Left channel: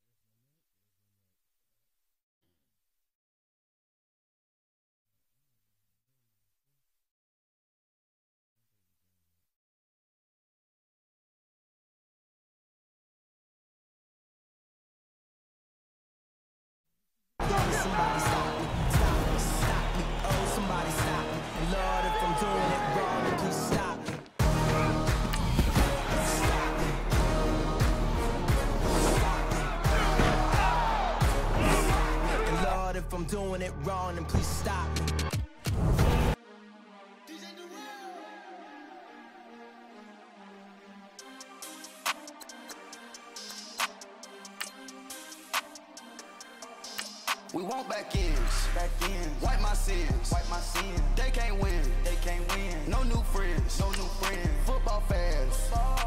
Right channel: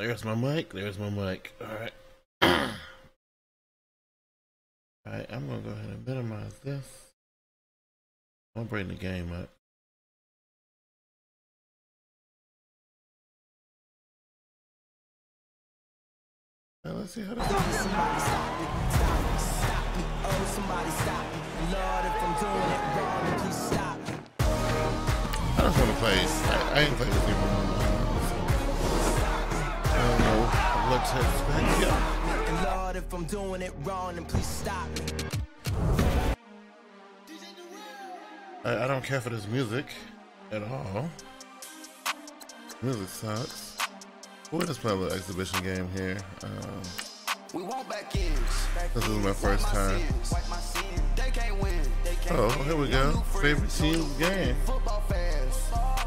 There's my mic. There's my mic. All right. All right. I'm gonna go ahead and minimize this. I'm bring the game up. Now let's see how this goes. Somebody stop me, stop me, oh somebody stop me. Lord, if I'm doing it wrong, then please stop me. I just wanna play. I ain't playing this before. And Lord, if I'm doing it wrong, then please stop me. I don't care for this music at all. Music sucks. We'll just play a little exhibition game here. We want back ends. This is my first time. Wipe my sins. They can't win. They can't Oh, win. here we No go. new friends. Favorite No new team's friends. game. Football fans.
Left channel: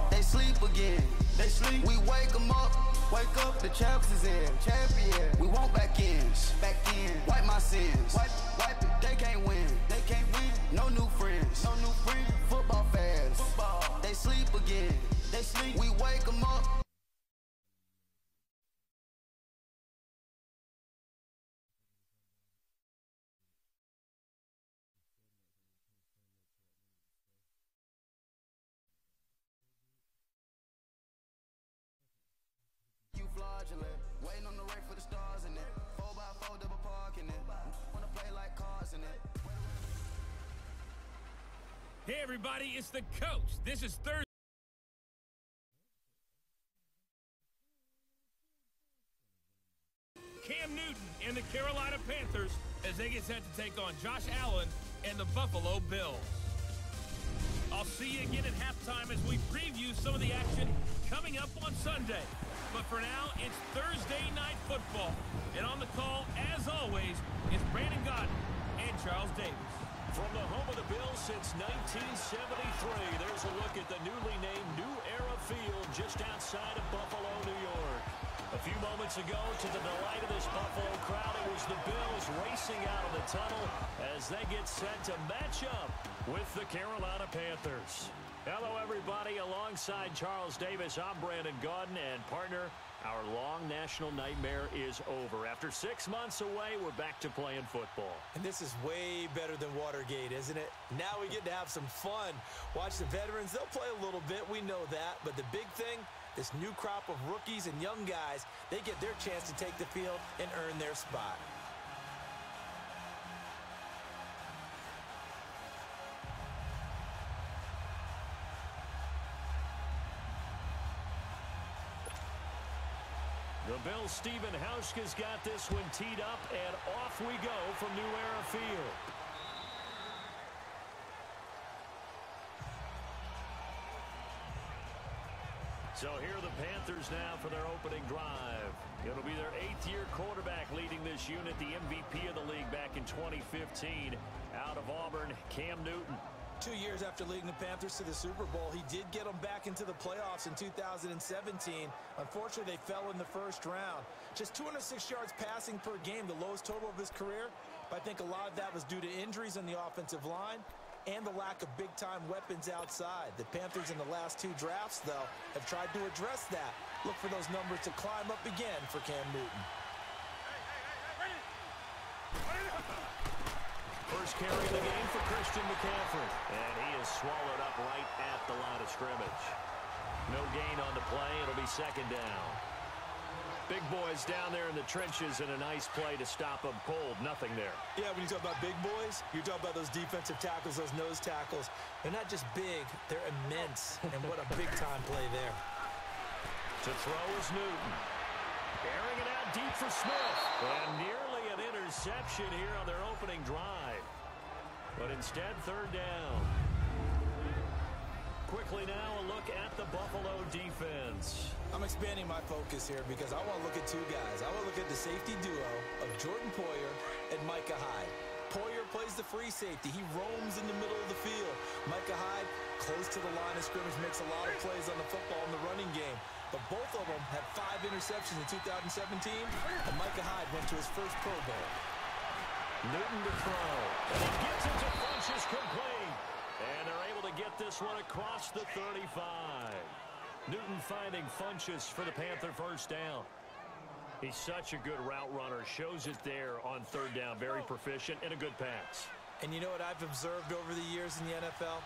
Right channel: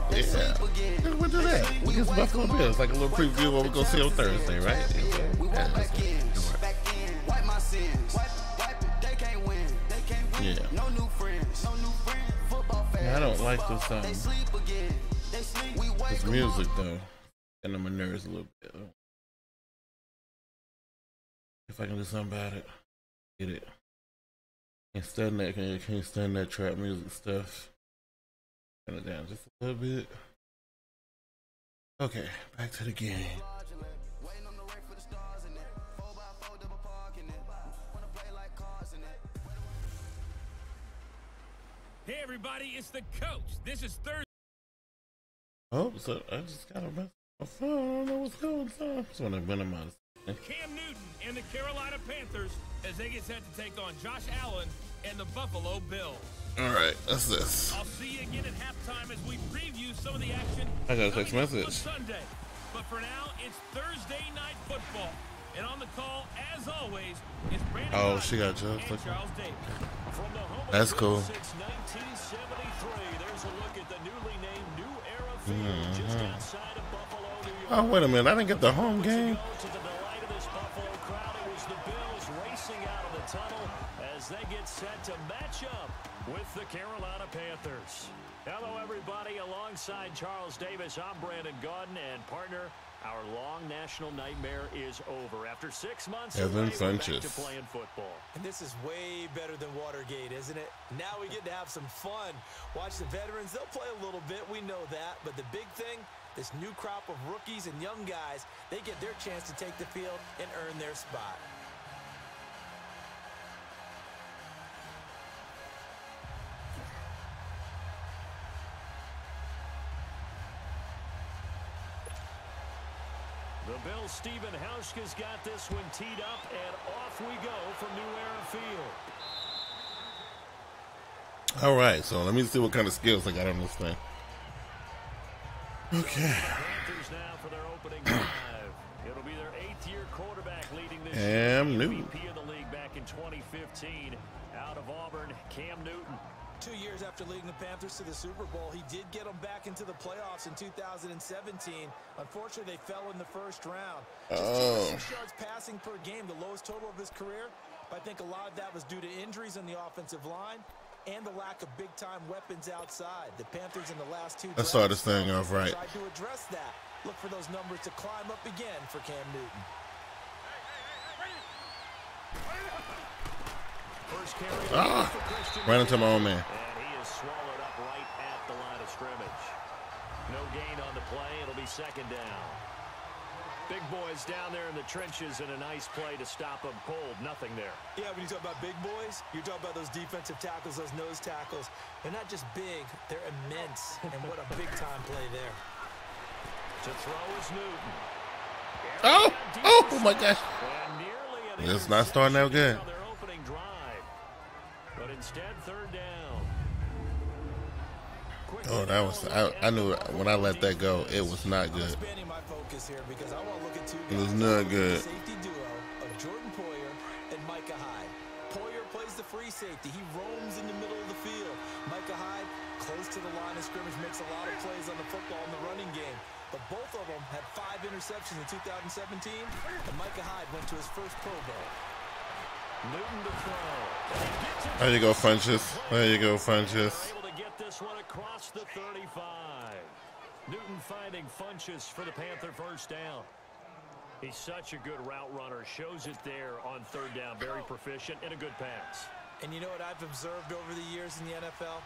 They sleep again. We'll do that. We It's wake them up. It's like a little Wake preview of up, what the we're going to see on champs is Thursday, in. right? Champion. We want back ends. Back ends. Wipe my sins. Wipe it. They can't win. They can't win. Yeah. No new friends. No new friends. Football fans. I don't like this song. They sleep again. They sleep. We wake This them up. music, though. Getting on my nerves a little bit. If I can do something about it. Get it. Can't stand that. Can't stand that trap music stuff. Turn it down just a little bit. Okay, back to the game. Waiting on the right for the stars in it. 4x4 double parking it. Wanna play like cars in it. Hey everybody, it's the coach. This is Thursday. Oh, so I just got a mess. My phone. I don't know what's going on. I just want to minimize. Cam Newton and the Carolina Panthers as they get set to take on Josh Allen and the Buffalo Bills. All right, that's this. I'll see you again at halftime as we preview some of the action I got a text coming up message. on Sunday. But for now, it's Thursday Night Football. And on the call, as always, is Brandon Oh, Godden she got Joe. and Charles Davis. From the home That's of the cool. Bills since 1973, there's a look at the newly named New Era Field just outside of Buffalo, New York. Oh, wait a minute. I didn't get the home Moments game. ago, to the delight of this Buffalo crowd, it was the Bills racing out of the tunnel as they get set to match up with the Carolina Panthers. Hello, everybody. Alongside Charles Davis, I'm Brandon Godden, and partner, our long national nightmare is over. After 6 months away, we're back to playing football. And this is way better than Watergate, isn't it? Now we get to have some fun. Watch the veterans. They'll play a little bit. We know that. But the big thing, this new crop of rookies and young guys, they get their chance to take the field and earn their spot. The Bills' Stephen Hauschka's got this one teed up, and off we go from New Era Field. All right, so let me see what kind of skills I got on this thing. So here are the Panthers now for their opening drive. It'll be their 8th-year quarterback leading this year. The MVP of the league back in 2015 out of Auburn, Cam Newton. 2 years after leading the Panthers to the Super Bowl, he did get them back into the playoffs in 2017. Unfortunately, they fell in the first round. Just 206 yards passing per game, the lowest total of his career. But I think a lot of that was due to injuries on the offensive line and the lack of big-time weapons outside. The Panthers in the last two drafts started this thing off right. tried to address that. Look for those numbers to climb up again for Cam Newton. First carry for Christian right into my own man. And he is swallowed up right at the line of scrimmage. No gain on the play. It'll be second down. Big boys down there in the trenches, and a nice play to stop them cold. Nothing there. Yeah, when you talk about big boys, you're talking about those defensive tackles, those nose tackles. They're not just big, they're immense. And what a big-time play there. To throw is Newton. Oh my gosh. And nearly an It's not starting out good. on their opening drive. But instead, third down. Oh, that was, I knew it. When I let that go, it was not I'm good. expanding my focus here because I want to look at two It guys. was not I wanna look at good. the safety duo of Jordan Poyer and Micah Hyde. Poyer plays the free safety. He roams in the middle of the field. Micah Hyde, close to the line of scrimmage, makes a lot of plays on the football in the running game. But both of them had 5 interceptions in 2017, and Micah Hyde went to his first Pro Bowl. Newton to throw. There you go, Funches. There you go, Funches. They're able to get this one across the 35. Newton finding Funches for the Panther first down. He's such a good route runner. Shows it there on third down. Very proficient and a good pass. And you know what I've observed over the years in the NFL?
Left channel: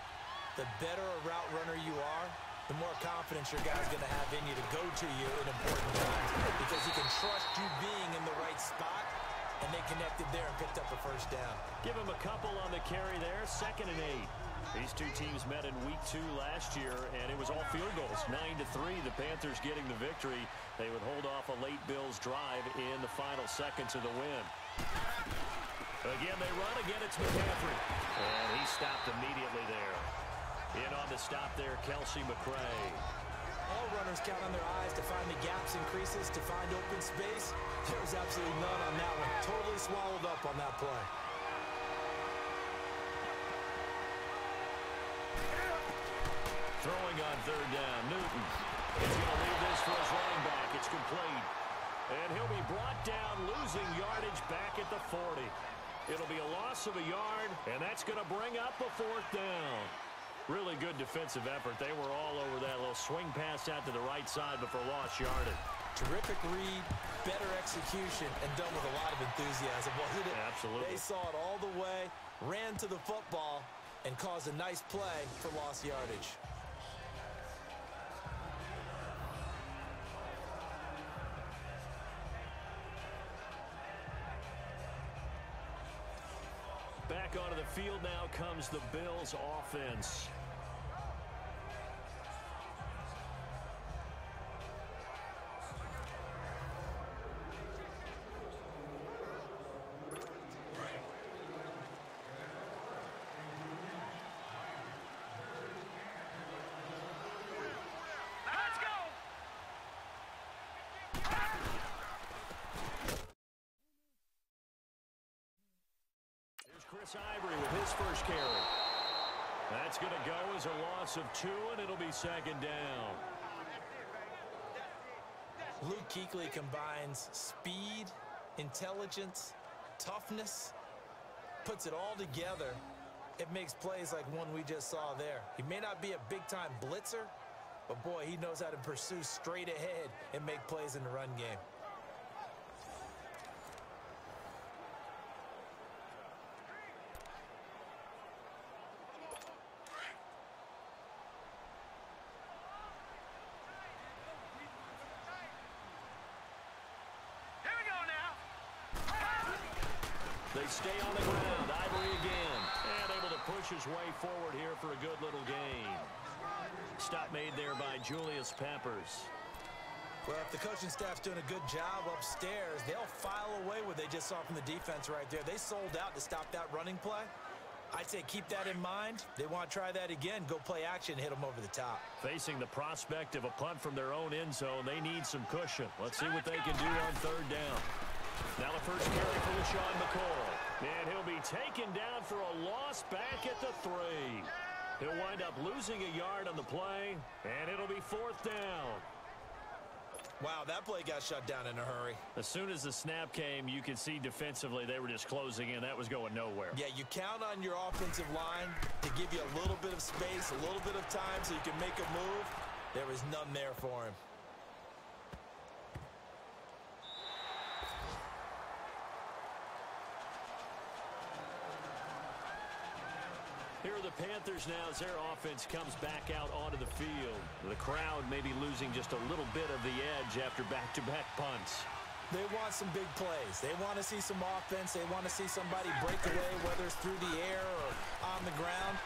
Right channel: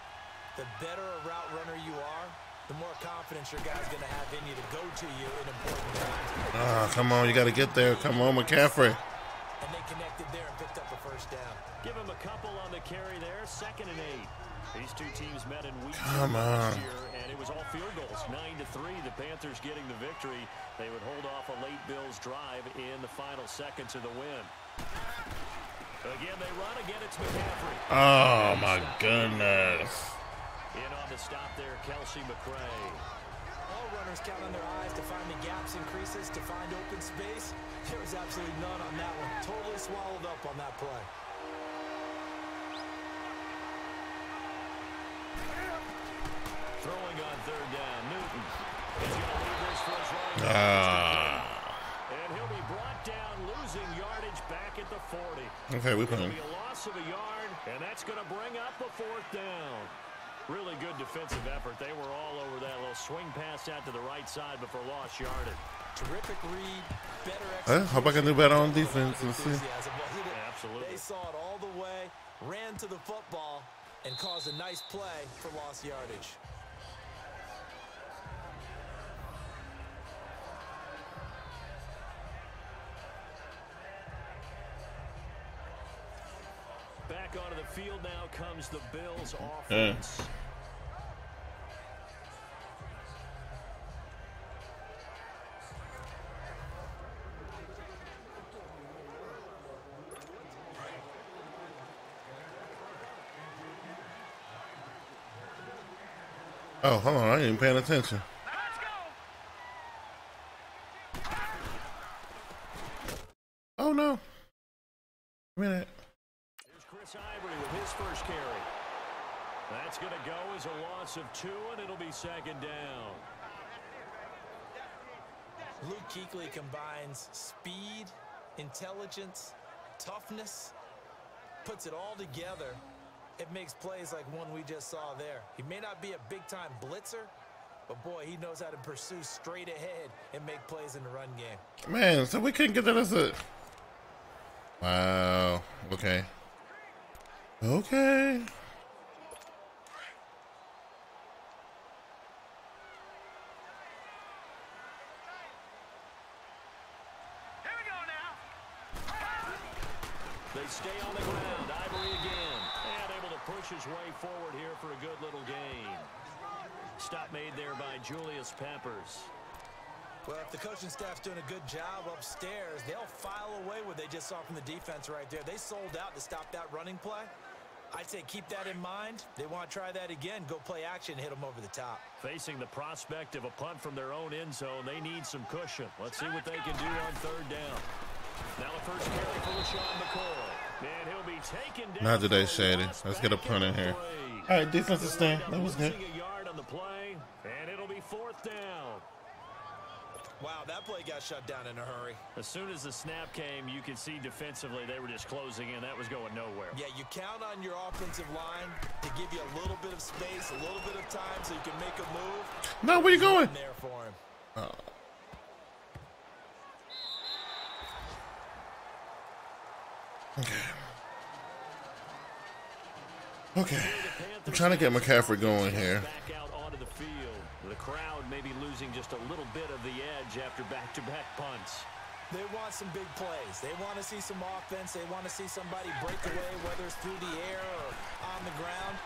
The better a route runner you are, the more confidence your guy's going to have in you to go to you in important times. Come on, you got to get there. Come on, McCaffrey. And they connected there and picked up a first down. Give him a couple on the carry there. 2nd and 8. These two teams met in week 2 last year, and it was all field goals. 9-3, the Panthers getting the victory. They would hold off a late Bills drive in the final seconds of the win. Again, they run. Again, it's McCaffrey. Oh, my goodness. In on the stop there, Kelsey McRae. All runners count on their eyes to find the gaps and creases, to find open space. There was absolutely none on that one. Totally swallowed up on that play. Throwing on third down, Newton. He's going to leave this for his running back. It's complete. And he'll be brought down, losing yardage back at the 40. Okay, It'll be a loss of a yard, and that's going to bring up a 4th down. Really good defensive effort. They were all over that little swing pass out to the right side, but for lost yardage. Terrific read, better execution. Hope I can do better on defense. Enthusiasm, wasn't it? Absolutely. They saw it all the way, ran to the football, and caused a nice play for lost yardage. Back onto the field now comes the Bills offense. Oh, hold on. I ain't even paying attention. Oh, no. Give me that. Here's Chris Ivory with his first carry. That's going to go as a loss of 2, and it'll be 2nd down. Luke Kuechly combines speed, intelligence, toughness, puts it all together. It makes plays like one we just saw there. He may not be a big-time blitzer, but boy, he knows how to pursue straight ahead and make plays in the run game. Man, so we couldn't get that as a... Wow. Okay. Okay. They stay on the ground. Ivory again. And able to push his way forward here for a good little gain. Stop made there by Julius Peppers. Well, if the coaching staff's doing a good job upstairs, they'll file away what they just saw from the defense right there. They sold out to stop that running play. I'd say keep that in mind. They want to try that again. Go play action, hit them over the top. Facing the prospect of a punt from their own end zone, they need some cushion. Let's see what they can do on 3rd down. Now the first carry for LaShawn McCoy. And he'll be taken down. Not today, Shady. Let's get a punt in here. All right, defensive stand. That was good. Losing a yard on the play, and it'll be 4th down. Wow, that play got shut down in a hurry. As soon as the snap came, you could see defensively they were just closing in. That was going nowhere. Yeah, you count on your offensive line to give you a little bit of space, a little bit of time so you can make a move. No, where you going? There for him. Okay. I'm trying to get McCaffrey going here. Back out onto the field. The crowd may be losing just a little bit of the edge after back-to-back punts. They want some big plays. They want to see some offense. They want to see somebody break away, whether it's through the air or on the ground.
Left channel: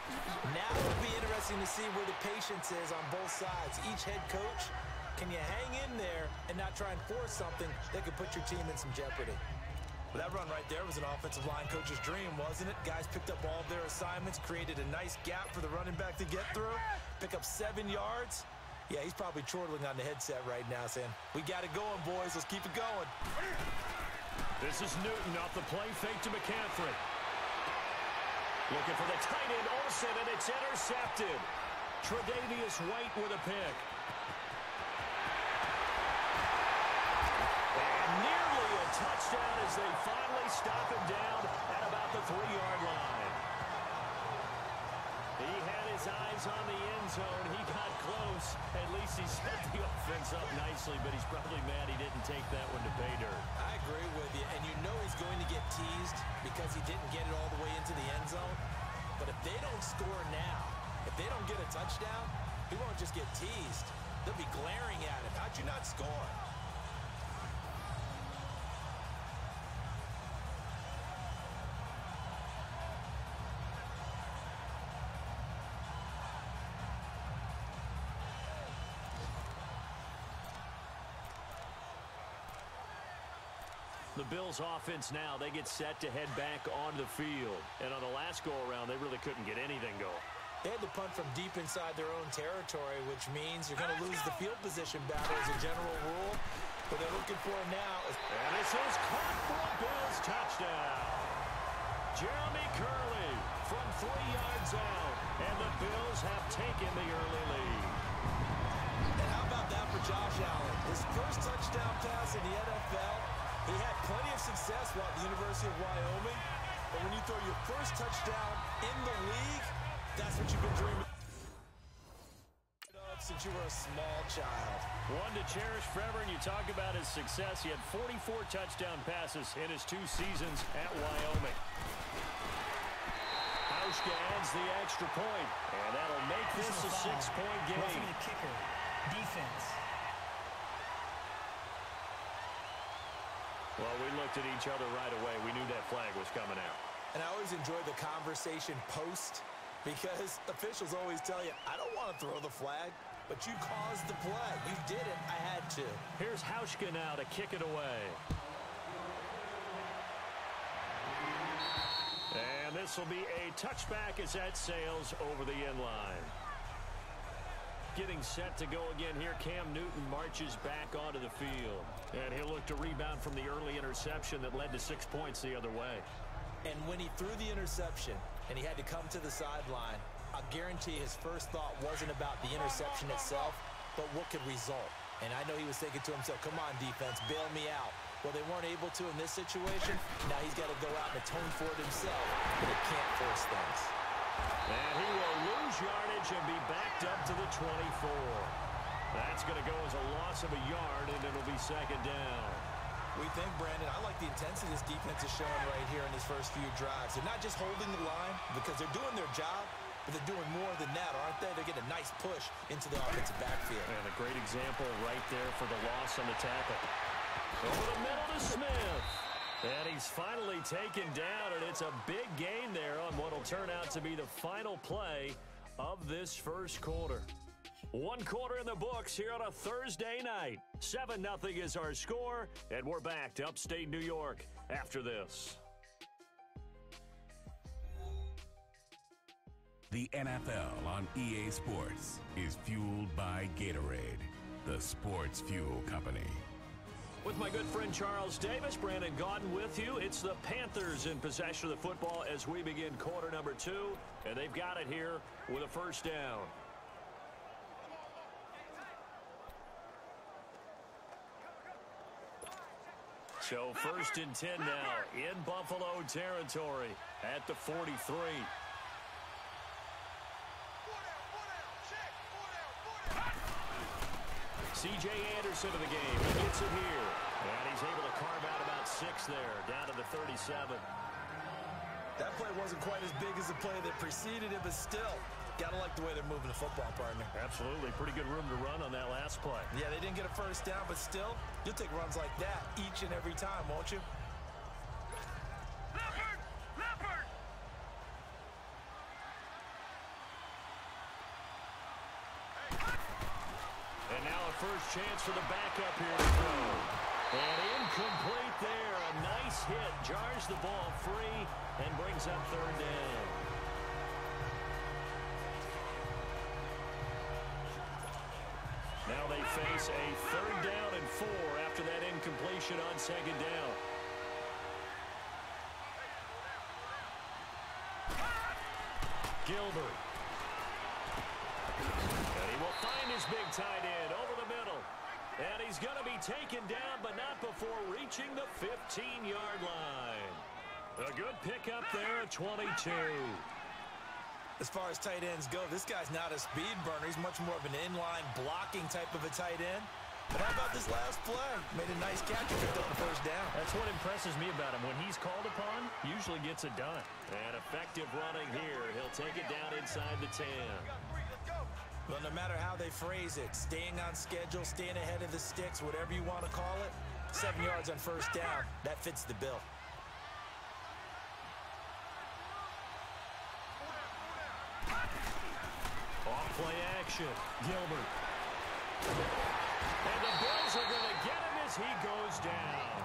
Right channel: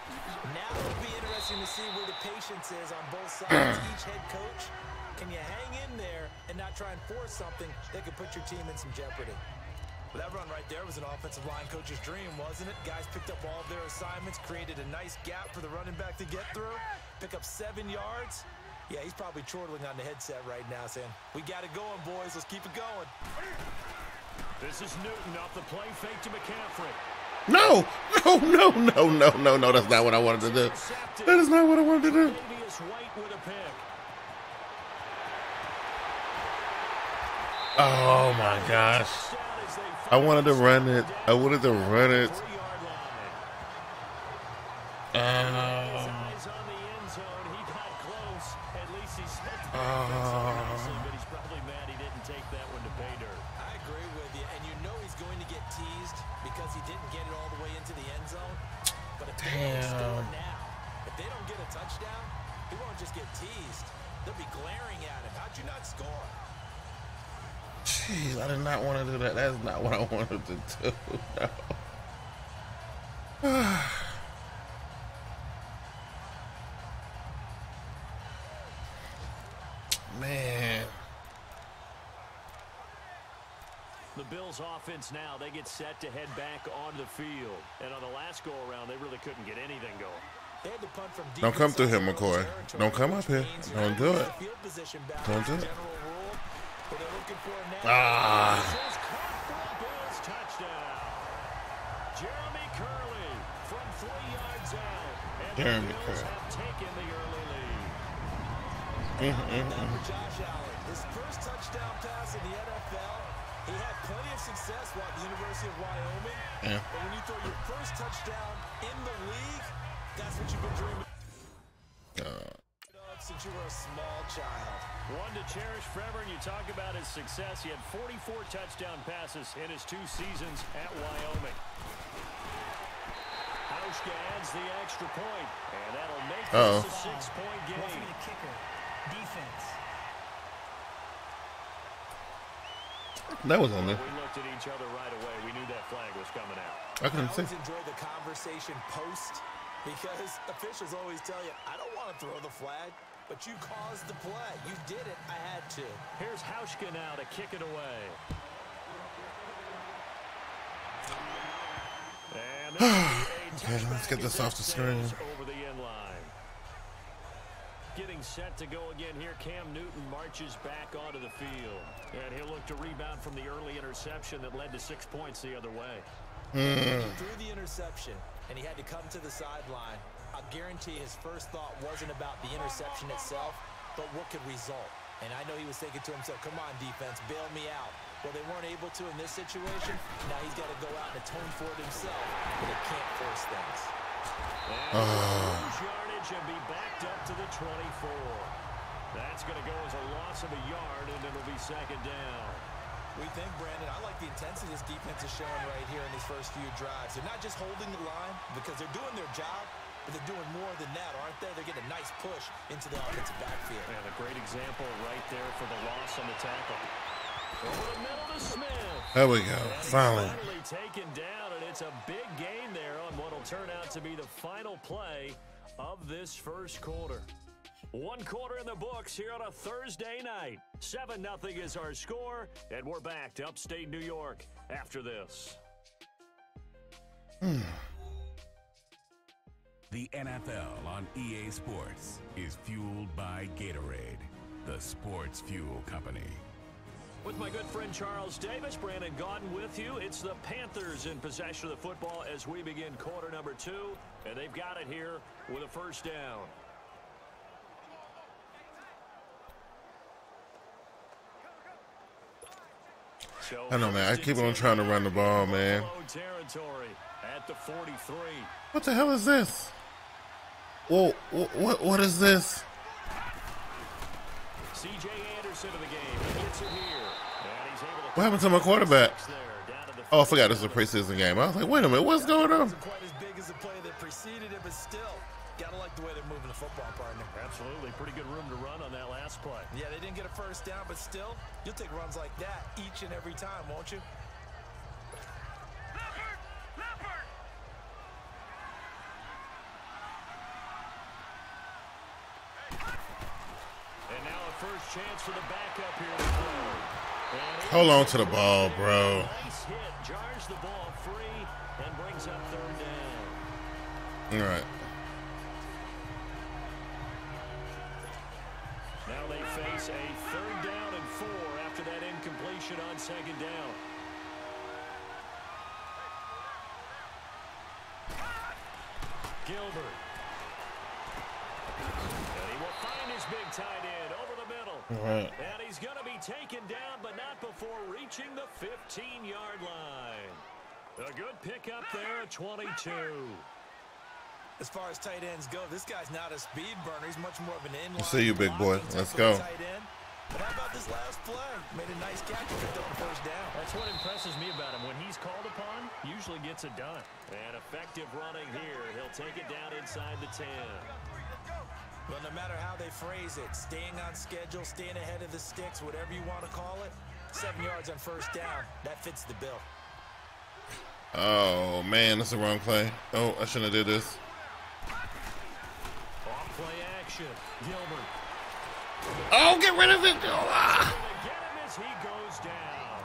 Now it'll be interesting to see where the patience is on both sides. Each head coach, can you hang in there and not try and force something that could put your team in some jeopardy? Well, that run right there was an offensive line coach's dream, wasn't it? Guys picked up all of their assignments, created a nice gap for the running back to get through, pick up 7 yards. Yeah, he's probably chortling on the headset right now saying, we got it going, boys. Let's keep it going. This is Newton off the play fake to McCaffrey. No! No. That's not what I wanted to do. That is not what I wanted to do. Davius White with a pick. Oh, my gosh. I wanted to run it. I wanted to run it. His eyes on the end zone. He got close. At least he set the defense up nicely, but he's probably mad he didn't take that one to pay dirt. because he didn't get it all the way into the end zone. But if they don't score now, if they don't get a touchdown, he won't just get teased. They'll be glaring at him. How'd you not score? Jeez, I did not want to do that. That's not what I wanted to do. No. Man. The Bills offense now, they get set to head back onto the field. And on the last go-around, they really couldn't get anything going. They had to punt from deep. Don't come through here, McCoy. Don't come up here. Don't do it. Field position back. Don't do it. General rule, but they're looking for him now. This is caught for a Bills touchdown. Jeremy Curley from 3 yards out. And the Bills have taken the early lead. How about that for Josh Allen? His first touchdown pass in the NFL. He had plenty of success while at the University of Wyoming. But when you throw your first touchdown in the league, that's what you've been dreaming of since you were a small child. One to cherish forever, and you talk about his success. He had 44 touchdown passes in his 2 seasons at Wyoming. Hauschka adds the extra point, and that'll make this a 6-point game. Roughing the kicker. Defense. That was on there. We looked at each other right away. We knew that flag was coming out. I always enjoy the conversation post because officials always tell you, I don't want to throw the flag, but you caused the play. You did it. I had to. Here's Hauschka now to kick it away. And this will be a touchback. Let's get this off the screen. Over the end line. Getting set to go again here. Cam Newton marches back onto the field. And he'll look to rebound from the early interception that led to 6 points the other way. And when he threw the interception and he had to come to the sideline, I'll guarantee his first thought wasn't about the interception itself, but what could result. And I know he was thinking to himself, come on, defense, bail me out. Well, they weren't able to in this situation. Now he's got to go out and atone for it himself, but they can't force things. And he'll lose yardage and be backed up to the 24. That's going to go as a loss of a yard, and it'll be 2nd down. We think, Brandon, I like the intensity this defense is showing right here in these first few drives. They're not just holding the line because they're doing their job, but they're doing more than that, aren't they? They're getting a nice push into the offensive backfield. And a great example right there for the loss on the tackle. Over the middle to Smith. There we go. And he's finally taken down, and it's a big gain there on what will turn out to be the final play of this first quarter. 1 quarter in the books here on a Thursday night. 7-0 is our score, and we're back to upstate New York after this. The NFL on EA Sports is fueled by Gatorade, the sports fuel company. With my good friend Charles Davis, Brandon Gaudin with you. It's the Panthers in possession of the football as we begin quarter number 2, and they've got it here with a first down. So I know, man. I keep on trying to run the ball, man. Territory at the 43. What the hell is this? Whoa, what is this? C.J. Anderson of the game. He gets it here. And he's able to What happened to my quarterback? there, down to the Oh, I forgot this is a preseason game. I was like, wait a minute, what's going It on? wasn't quite as big as the play that preceded it, but still, gotta like the way they're moving the football, partner. Absolutely. Pretty good room to run on that last play. Yeah, they didn't get a first down, but still, you'll take runs like that each and every time, won't you? And now a first chance for the backup here to throw. Hold on to the ball, bro. Nice hit. Jars the ball free and brings up 3rd down. All right. Now they face a 3rd down and 4 after that incompletion on 2nd down. Gilbert. And he will find his big tight end over the middle. Right. And he's going to be taken down, but not before reaching the 15-yard line. A good pickup there at 22. As far as tight ends go, this guy's not a speed burner. He's much more of an inline See you, big boy. blocking type Let's of go. a tight end. But how about this last play? Made a nice catch and picked up the first down. That's what impresses me about him. When he's called upon, usually gets it done. And effective running here. He'll take it down inside the 10. Well, no matter how they phrase it, staying on schedule, staying ahead of the sticks, whatever you want to call it, 7 yards on first down, that fits the bill. Oh, man, that's the wrong play. Oh, I shouldn't have did this. Off play action. Gilbert. Oh, get rid of it. Going to get him as he goes down.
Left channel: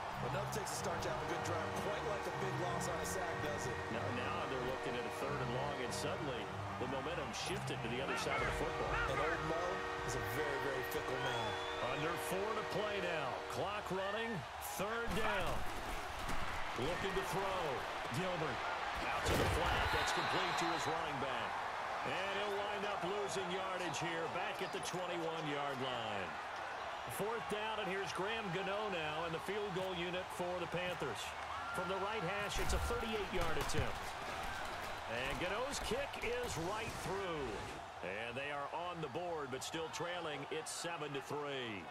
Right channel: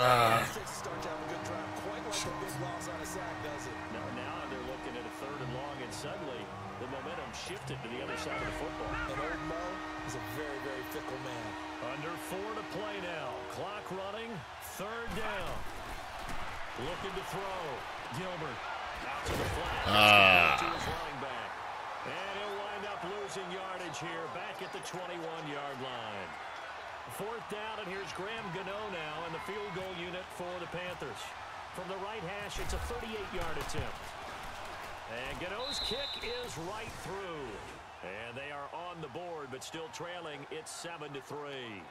It takes a start to have a good drive, quite like a big loss on a sack, does it? Now they're looking at a 3rd and long, and suddenly the momentum shifted to the other side of the football. And old Mo is a very, very fickle man. Under 4 to play now. Clock running. 3rd down. Looking to throw. Gilbert out to the flat. That's complete to his running back. And he'll wind up losing yardage here back at the 21-yard line. 4th down, and here's Graham Gano now in the field goal unit for the Panthers. From the right hash, it's a 38-yard attempt. And Gano's kick is right through. And they are on the board, but still trailing. It's 7-3.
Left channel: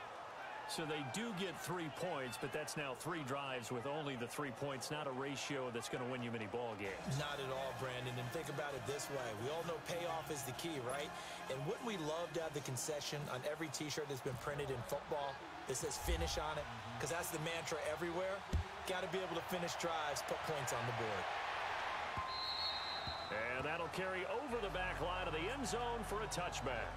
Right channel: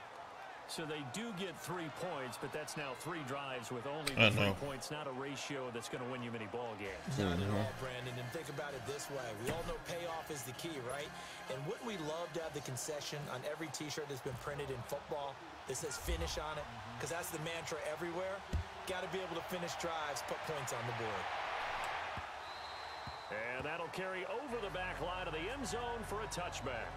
So they do get 3 points, but that's now 3 drives with only the 3 points, not a ratio that's going to win you many ball games. Not at all, Brandon. And think about it this way. We all know payoff is the key, right? And wouldn't we love to have the concession on every T-shirt that's been printed in football that says finish on it? Because that's the mantra everywhere. Got to be able to finish drives, put points on the board. And that'll carry over the back line of the end zone for a touchback.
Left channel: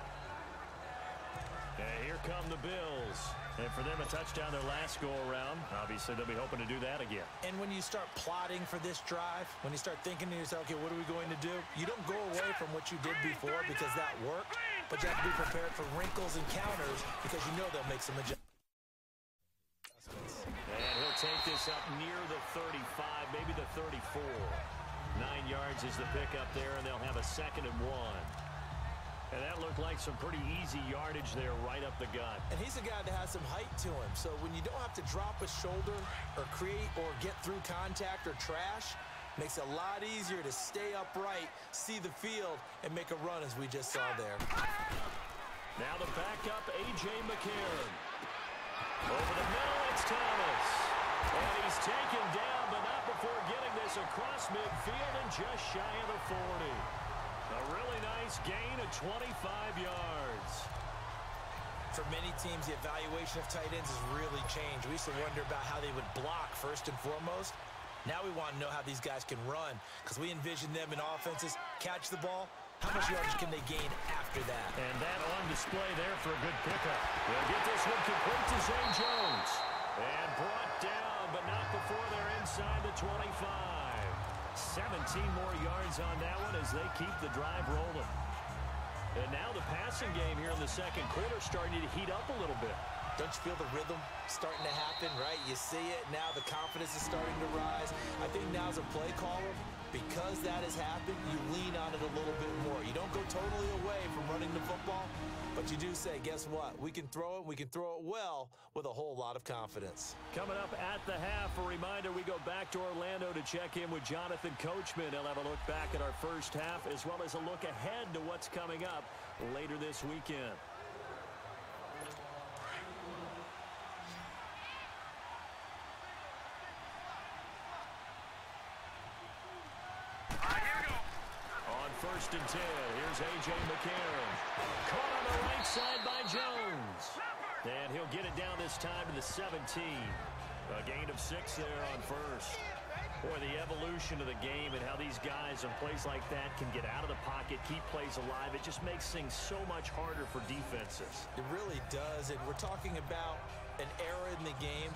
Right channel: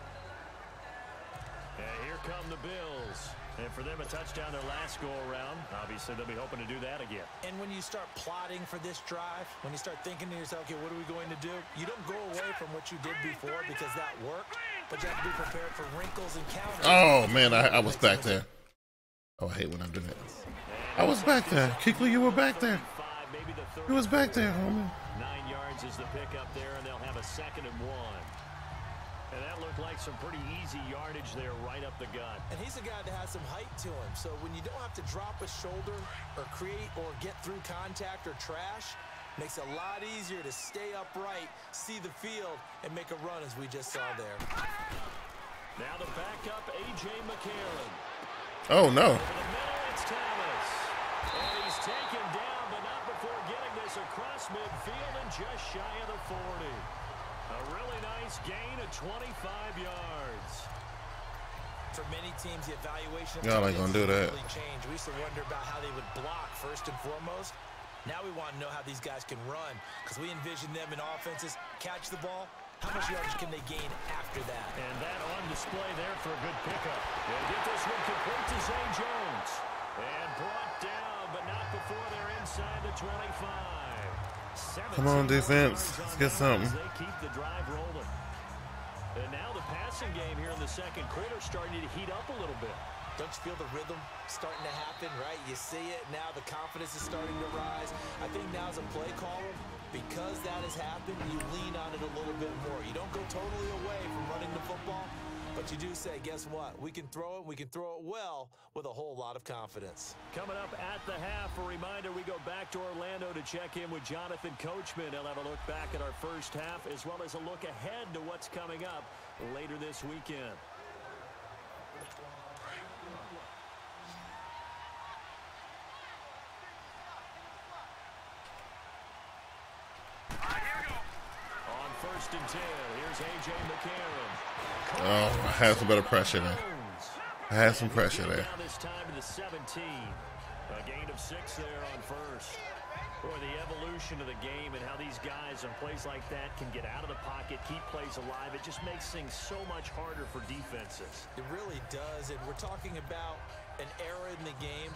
And here come the Bills. And for them, a touchdown their last go-around. Obviously, they'll be hoping to do that again. And when you start plotting for this drive, when you start thinking to yourself, okay, what are we going to do? You don't go away from what you did before because that worked, but you have to be prepared for wrinkles and counters. Oh, man, I was back there. Oh, I hate when I do that. I was back there. Kickley, you were back there. He was back there, homie. 9 yards is the pickup there, and they'll have a 2nd and 1. And that looked like some pretty easy yardage there right up the gut. And he's a guy that has some height to him. So when you don't have to drop a shoulder or create or get through contact or trash, makes it a lot easier to stay upright, see the field, and make a run as we just saw there. Now the backup, A.J. McCarron. Oh, no. Over the middle, it's Thomas. And he's taken down, but not before getting this across midfield and just shy of the 40. A really nice gain of 25 yards. For many teams, the evaluation of tight ends really changed. We used to wonder about how they would block first and foremost. Now we want to know how these guys can run because we envision them in offenses, catch the ball. How much yardage can they gain after that? And that on display there for a good pickup. They'll get this one complete to Zay Jones. And brought down, but not before they're inside the 25. Come on, defense. Let's get something. They keep the drive rolling. And now the passing game here in the 2nd quarter starting to heat up a little bit. Don't you feel the rhythm starting to happen, right? You see it now. The confidence is starting to rise. I think now as a play caller, because that has happened, you lean on it a little bit more. You don't go totally away from running the football, but you do say, guess what? We can throw it. We can throw it well with a whole lot of confidence. Coming up at the half, a reminder, we go back to Orlando to check in with Jonathan Coachman. He'll have a look back at our first half as well as a look ahead to what's coming up later this weekend. On 1st and 10, here's A.J. McCarron. Oh, I had some better pressure there. I had some pressure there. Down this time to the 17. A gain of 6 there on 1st. Boy, the evolution of the game and how these guys on plays like that can get out of the pocket, keep plays alive, it just makes things so much harder for defenses. It really does, and we're talking about an era in the game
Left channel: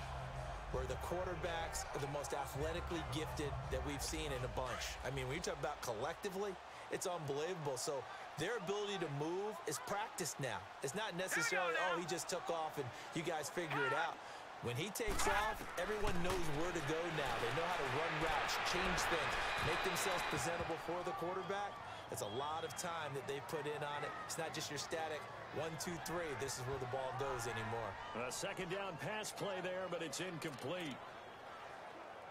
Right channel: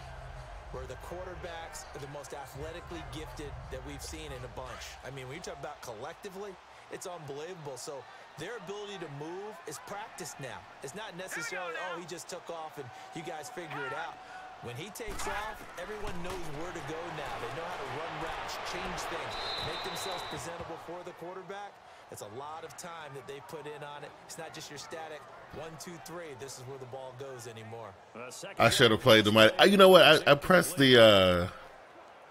where the quarterbacks are the most athletically gifted that we've seen in a bunch. I mean, when you talk about collectively, it's unbelievable. So their ability to move is practiced now. It's not necessarily, oh, he just took off and you guys figure it out. When he takes off, everyone knows where to go now. They know how to run routes, change things, make themselves presentable for the quarterback. It's a lot of time that they put in on it. It's not just your static 1, 2, 3. This is where the ball goes anymore. I should have played the. You know what? I pressed the.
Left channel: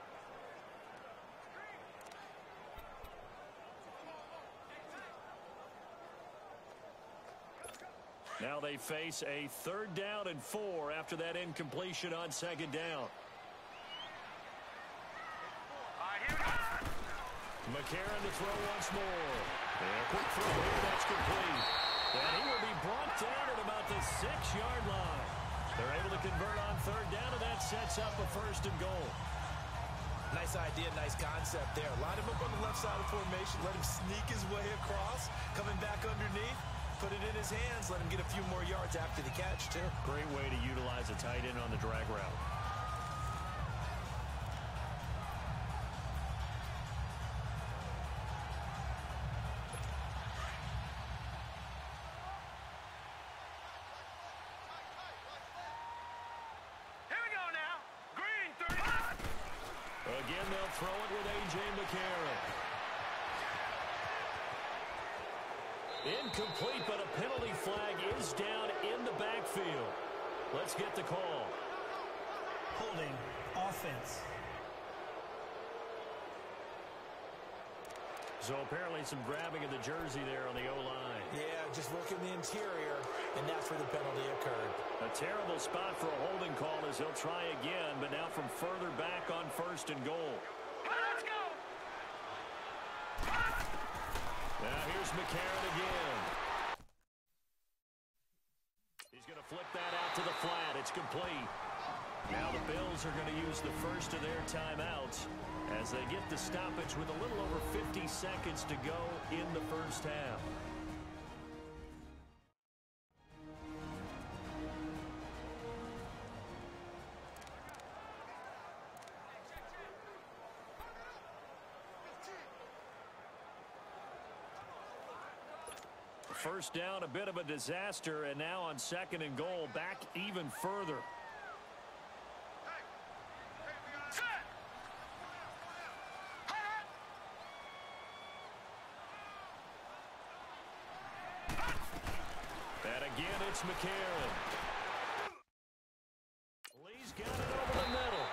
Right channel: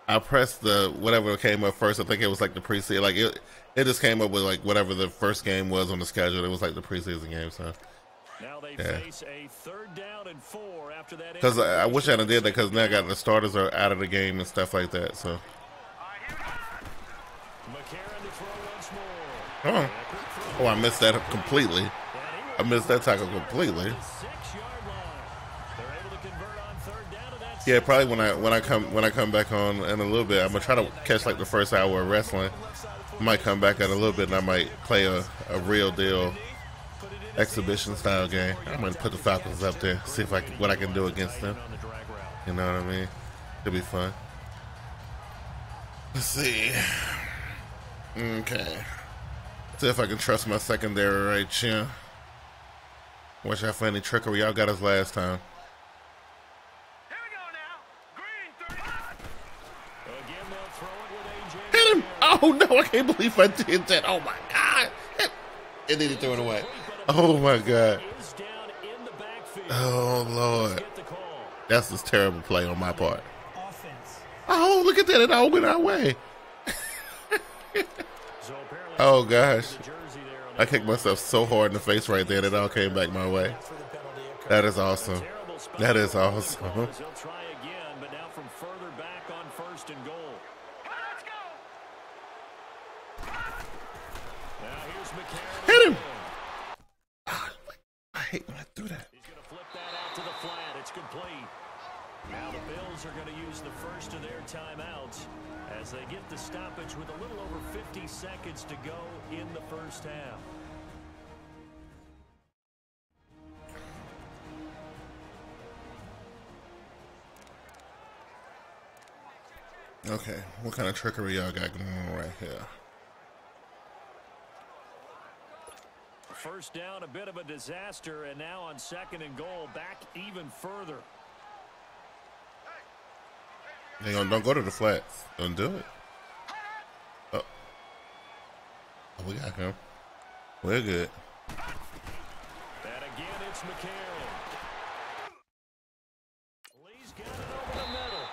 I pressed the whatever came up first. I think it was like the preseason. Like it just came up with like whatever the first game was on the schedule. It was like the preseason game. So Now they face a 3rd down and 4 after that. Because I wish I did that because now I got the starters are out of the game and stuff like that. So. McCarron to throw once more. Oh, I missed that completely. I missed that tackle completely. 6-yard line. They're able to convert on 3rd down, and that's Yeah, probably when I come back on in a little bit, I'm gonna try to catch like the first hour of wrestling. I might come back in a little bit and I might play a real deal exhibition style game. I'm gonna put the Falcons up there, see if what I can do against them. You know what I mean? It'll be fun. Let's see. Okay. See if I can trust my secondary right here. Watch out for any trickery. Y'all got us last time. Here we go now. Green 35. Again, they'll throw it with AJ. Hit him! Oh no, I can't believe I did that. Oh my God. And then he threw it away. Oh my God. Oh Lord. That's this terrible play on my part. Offense. Oh, look at that. It all went our way. Oh gosh. I kicked myself so hard in the face right there that it all came back my way. That is awesome. That is awesome. He'll try again, but now from further back on 1st and goal. Let's go. Now here's McCarron. Hit him. I hate when I do that. He's going to flip that out to the flat. It's complete. Now the Bills are going to use the first of their timeouts as they get the stoppage with a little over 50 seconds to go in the first half. Okay, what kind of trickery y'all got going on right here? First down, a bit of a disaster, and now on 2nd and goal, back even further. Don't go to the flats. Don't do it. Oh, we got him. We're good. And again, it's McCarron. Lee's got it over the middle,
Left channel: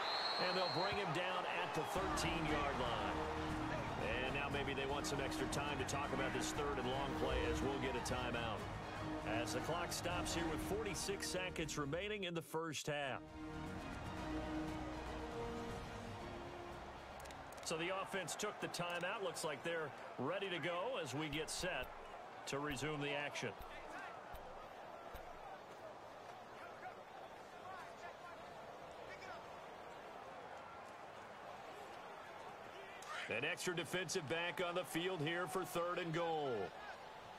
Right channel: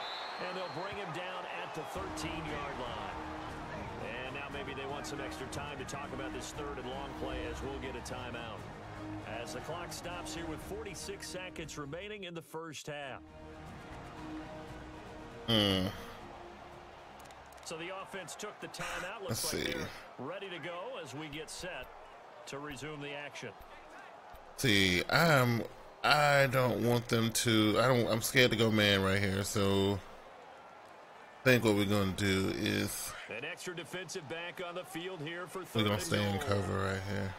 and they'll bring him down at the 13-yard line. And now maybe they want some extra time to talk about this 3rd and long play as we'll get a timeout. As the clock stops here with 46 seconds remaining in the first half. So the offense took the timeout. Looks like they're ready to go as we get set to resume the action. See, I don't want them to. I'm scared to go man right here. So I think what we're gonna do is an extra defensive back on the field here for 3rd and goal. We're gonna stay in cover right here.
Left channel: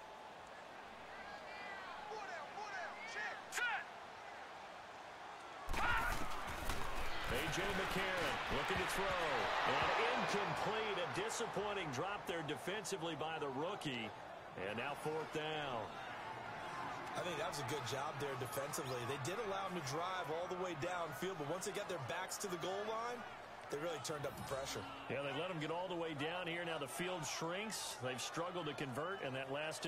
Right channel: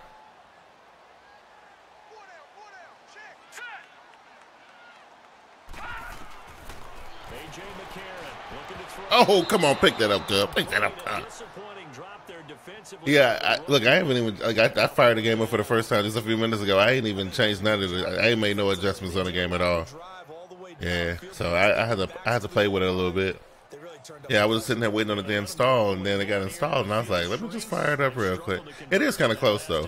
AJ McCarron looking to throw. Oh, come on, pick that up, good. Pick that up. Disappointing drop there defensively. Yeah, look, I haven't even I fired the game up for the first time just a few minutes ago. I ain't even changed none of it. I ain't made no adjustments on the game at all. Yeah, so I had to play with it a little bit. Yeah, I was sitting there waiting on the damn stall, and then it got installed, and I was like, let me just fire it up real quick. It is kind of close though.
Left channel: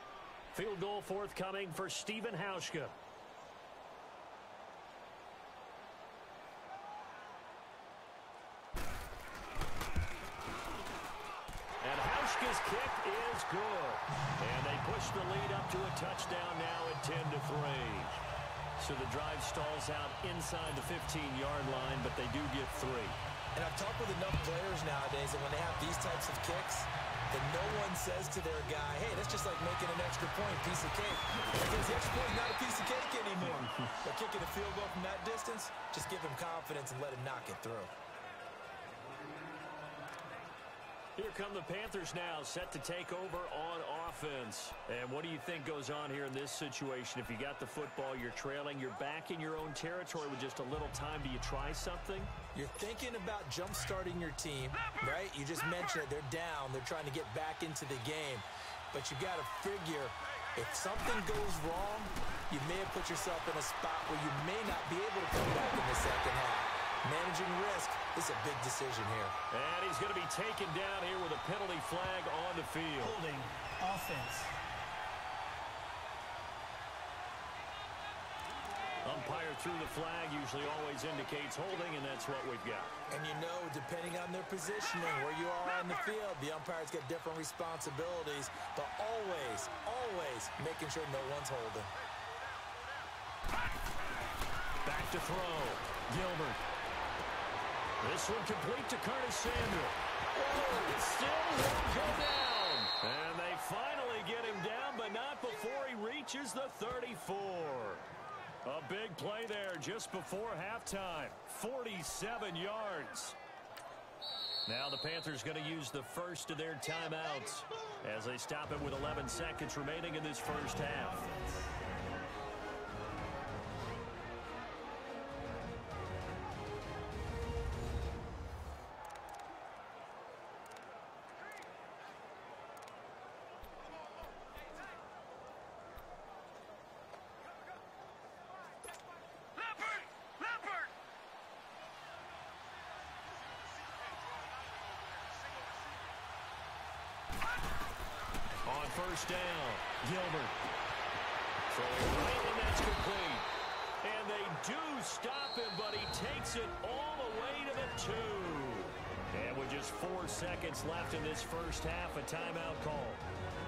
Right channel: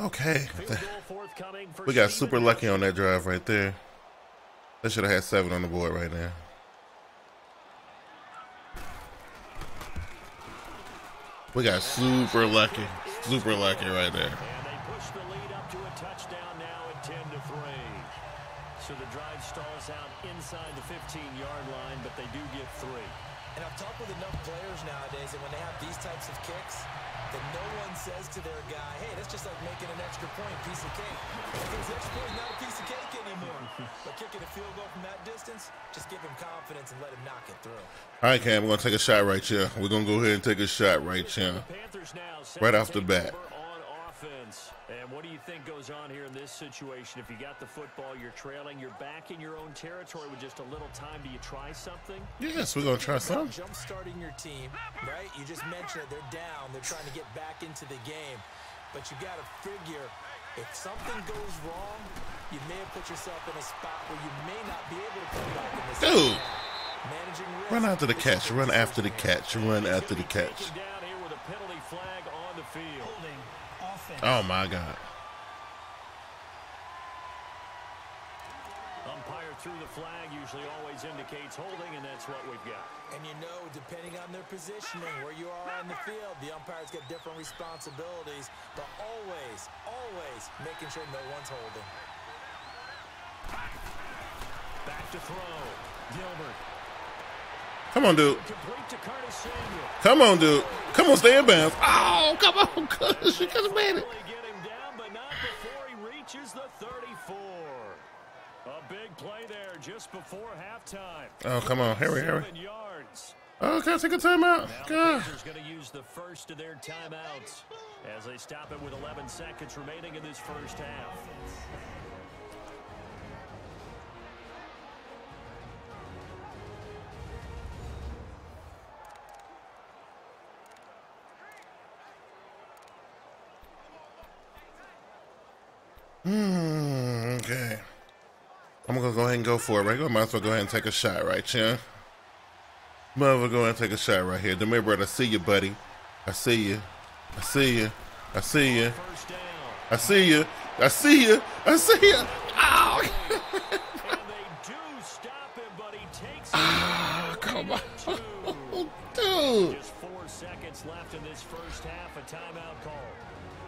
Okay. We got super lucky on that drive right there. They should have had 7 on the board right now. We got super lucky right there. And they push the lead up to a touchdown now at 10-3. So the drive stalls out inside the 15-yard line, but they do get 3. And I've talked with enough players nowadays that when they have these types of kicks, that no one says to their guy, hey, that's just like making an extra point, piece of cake. Because the extra point is not a piece of cake anymore. But kicking a field goal from that distance, just give him confidence and let him knock it through. All right, Cam, we're going to take a shot right here. We're going to go ahead and take a shot right here. Right off the bat. And what do you think goes on here in this situation? If you got the football, you're trailing, you're back in your own territory with just a little time. Do you try something? Yes, we're going to try something. Jump starting your team, right? You just mentioned it. They're down. They're trying to get back into the game. But you got to figure if something goes wrong, you may have put yourself in a spot where you may not be able to come back in this second half. Managing risk. Run after the catch. Run after the catch. Run after the catch. Taken down here with a penalty flag on the field. Holding. Offense. Oh, my God. Umpire threw the flag, usually always indicates holding, and that's what we've got. And you know, depending on their positioning, where you are on the field, the umpires get different responsibilities, but always, always making sure no one's holding. Back to throw. Gilbert. Come on, dude. Complete to Curtis Samuel. Come on, dude. Come on, stay in bounds. Oh, come on, Curtis. You could have made it. Finally get him down, but not before he reaches the 34. A big play there just before halftime. Oh, come on. Hurry. 7 yards. Oh, can I take a timeout? Now the Panthers going to use the first of their timeouts as they stop it with 11 seconds remaining in this first half. Okay. I'm going to go ahead and go for it, right? I might as well go ahead and take a shot, right, Chin? Might as well go ahead and take a shot right here. Demir, brother, I see you, buddy. I see you. I see you. I see you. First down. I see you. I see you. I see you. Ow! And they do stop him, but he takes it. Come on. Dude. Dude. Just 4 seconds left in this first half. A timeout call.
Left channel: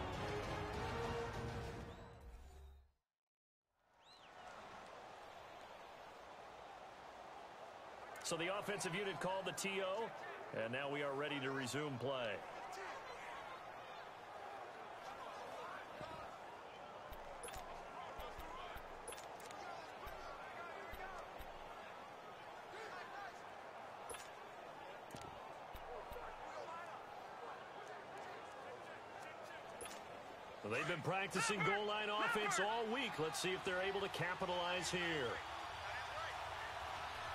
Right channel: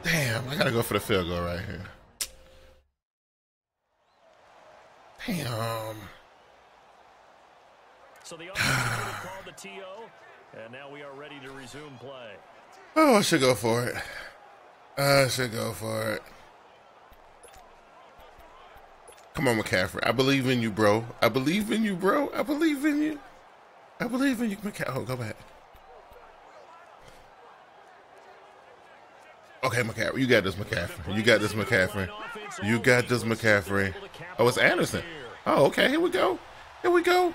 Damn, I got to go for the field goal right here. Damn. So the offensive unit called the TO, and now we are ready to resume play. Oh, I should go for it. I should go for it. Come on, McCaffrey. I believe in you, bro. I believe in you, bro. I believe in you. I believe in you, McCaffrey. Oh, go back. Okay, McCaffrey. You got this, McCaffrey. You got this, McCaffrey. You got this, McCaffrey. Oh, it's Anderson. Oh, okay. Here we go. Here we go.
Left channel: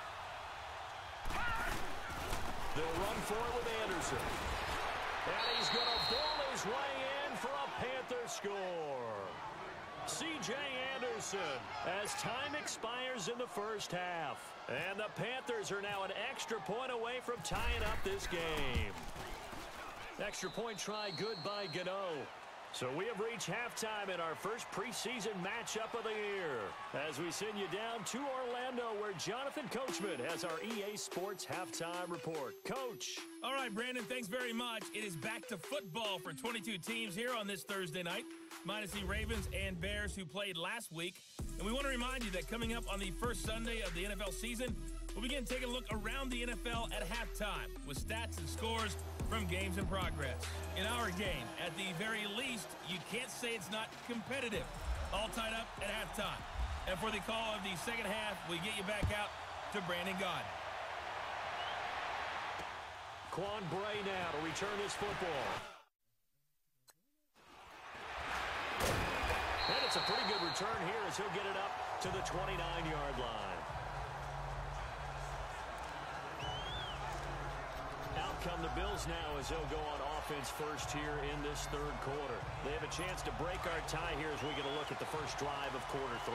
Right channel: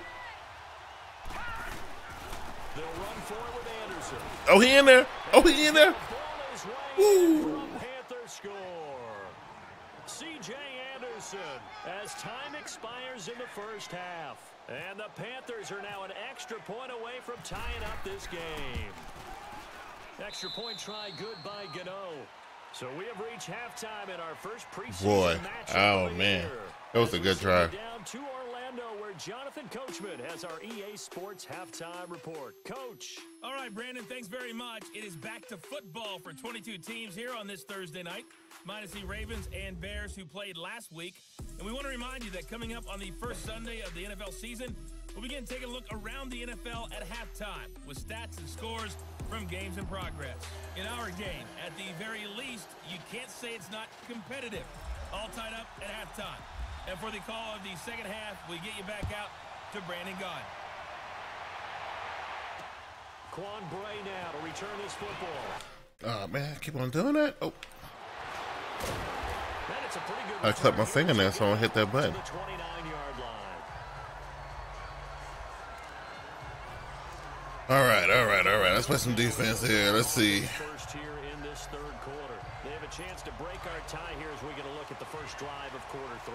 They'll run for it with Anderson. Oh, he in there. Oh, he in there. Ball is way in for a Panther score. C.J. Anderson as time expires in the first half. And the Panthers are now an extra point away from tying up this game. Extra point try good by Gano. So we have reached halftime in our first preseason matchup of the year. That was a good drive. Down to Orlando, where Jonathan Coachman has our EA Sports halftime report. Coach. All right, Brandon, thanks very much. It is back to football for 22 teams here on this Thursday night, minus the Ravens and Bears who played last week. And we want to remind you that coming up on the first Sunday of the NFL season, we'll begin taking a look around the NFL at halftime with stats and scores from games in progress. In our game, at the very least, you can't say it's not competitive. All tied up at halftime. And for the call of the second half, we get you back out to Brandon Gaud. Quan Bray now to return this football. Oh, man, keep on doing that. Oh. And it's a pretty good I cut my fingernail, so I hit that button. To the 29-yard line. All right. Let's play some defense here. Let's see. First here in this third quarter. They have a chance to break our tie here as we get a look at the first drive of quarter 3.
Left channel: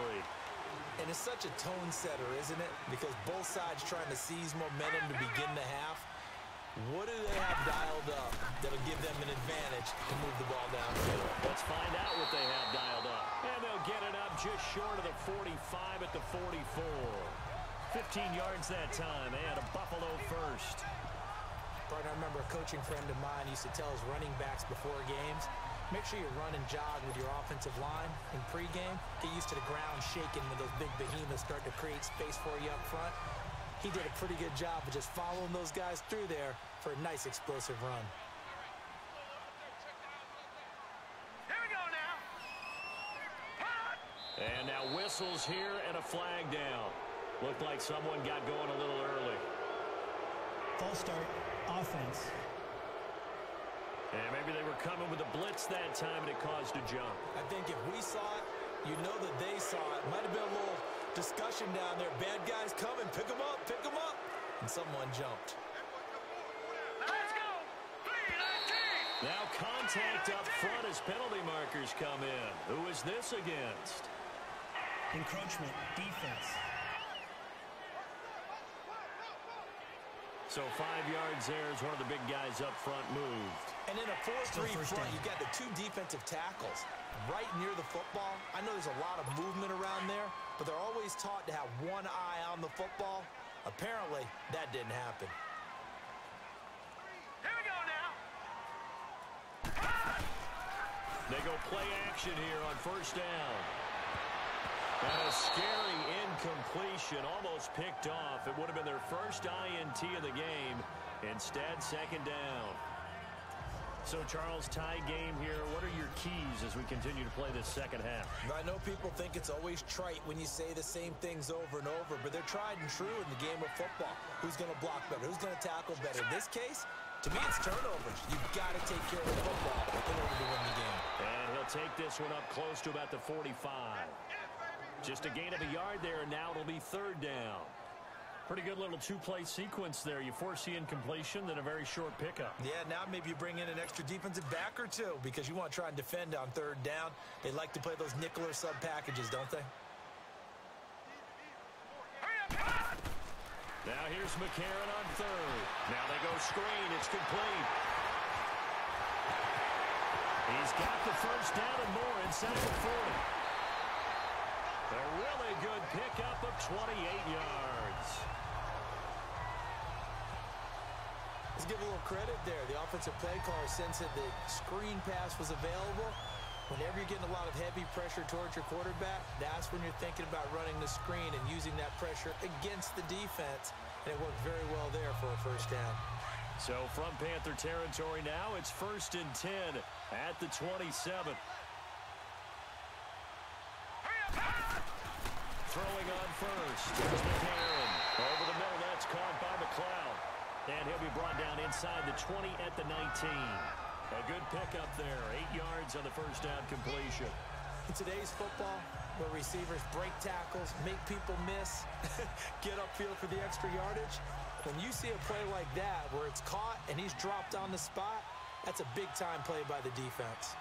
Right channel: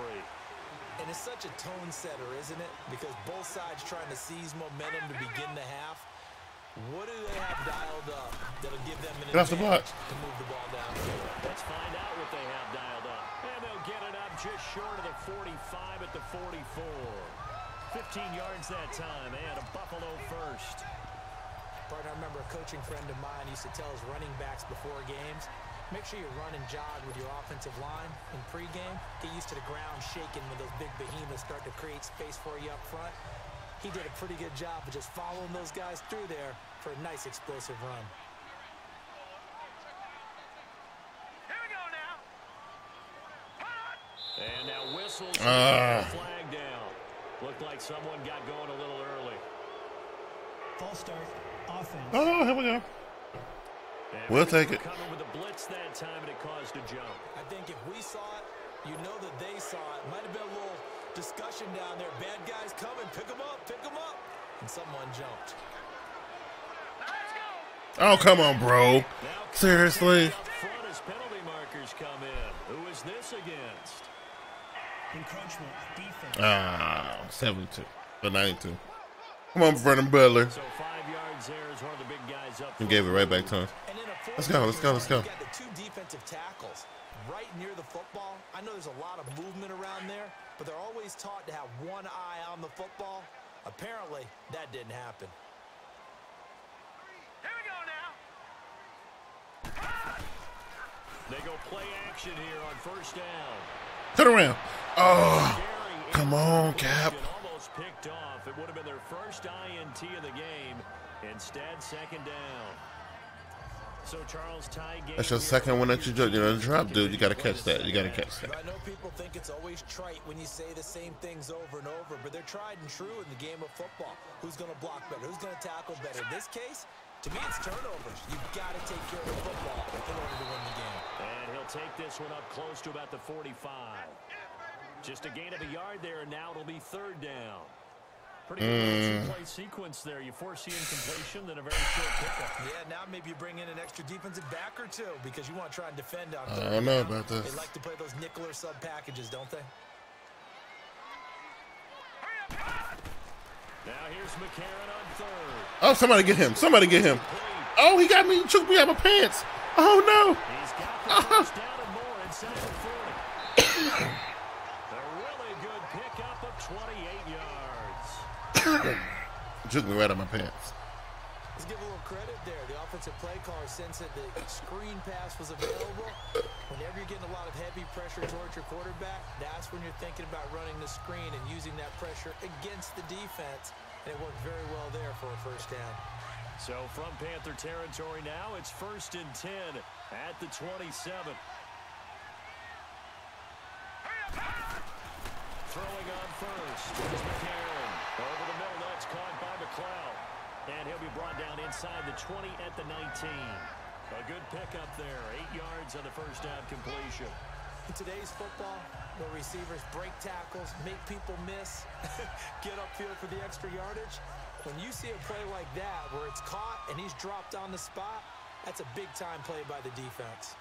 And it's such a tone setter, isn't it? Because both sides trying to seize momentum to begin the half. What do they have dialed up that'll give them an advantage to move the ball down? Let's find out what they have dialed up. And they'll get it up just short of the 45 at the 44. 15 yards that time, and a Buffalo first. Partner, I remember a coaching friend of mine used to tell his running backs before games, make sure you run and jog with your offensive line in pregame. Get used to the ground shaking when those big behemoths start to create space for you up front. He did a pretty good job of just following those guys through there for a nice explosive run. Here we go now. And now whistles and a flag down. Looked like someone got going a little early. False start. Offense. Oh, here we go. And We'll take it. Coming with a blitz that time, and it caused a jump. I think if we saw it, you know that they saw it. Might have been a little discussion down there. Bad guys coming. Pick them up. Pick them up. And someone jumped. Let's go. Oh, come on, bro. Now Seriously? up front as penalty markers come in. Who is this against? Encroachment. Defense. 72. But 92. Come on, Brendan Butler. So 5 yards there is one of the big guys up He front. gave it right back to us. And in a Let's go. You got the 2 defensive tackles. right near the football. I know there's a lot of movement around there, but they're always taught to have one eye on the football. Apparently, that didn't happen. Here we go now. They go play action here on first down. Turn around. Oh, Scary come on, Cap. Almost picked off. It would have been their first INT of the game. Instead, second down. So Charles, tie game. That's your second one that you do. You know, drop, dude. You got to catch that. You got to catch that. I know people think it's always trite when you say the same things over and over, but they're tried and true in the game of football. Who's going to block better? Who's going to tackle better? In this case, to me, it's turnovers. You've got to take care of the football in order to win the game. And he'll take this one up close to about the 45. Just a gain of a yard there, and now it'll be third down. Pretty good little two-play sequence there. You foresee incompletion, then a very short pickup. Yeah, now maybe you bring in an extra defensive back or two because you want to try and defend on third down. I don't know about this. They like to play those nickel or sub packages, don't they? Now here's McCarron on third. Oh, somebody get him. Somebody get him. Oh, he got me. He took me out of my pants. Oh, no. He's got the first down and more inside the 40. A really good pickup of 28 yards. Took me right out of my pants. Let's give a little credit there. The offensive play caller sensed that the screen pass was available. Whenever you're getting a lot of heavy pressure towards your quarterback, that's when you're thinking about running the screen and using that pressure against the defense. And it worked very well there for a first down. So from Panther territory now, it's 1st and 10 at the 27. Throwing on first. Here's McCarron. Over the middle, that's caught by McLeod. And he'll be brought down inside the 20 at the 19. A good pickup there. 8 yards on the first down completion. In today's football, where receivers break tackles, make people miss, get upfield for the extra yardage, when you see a play like that where it's caught and he's dropped on the spot, that's a big-time play by the defense.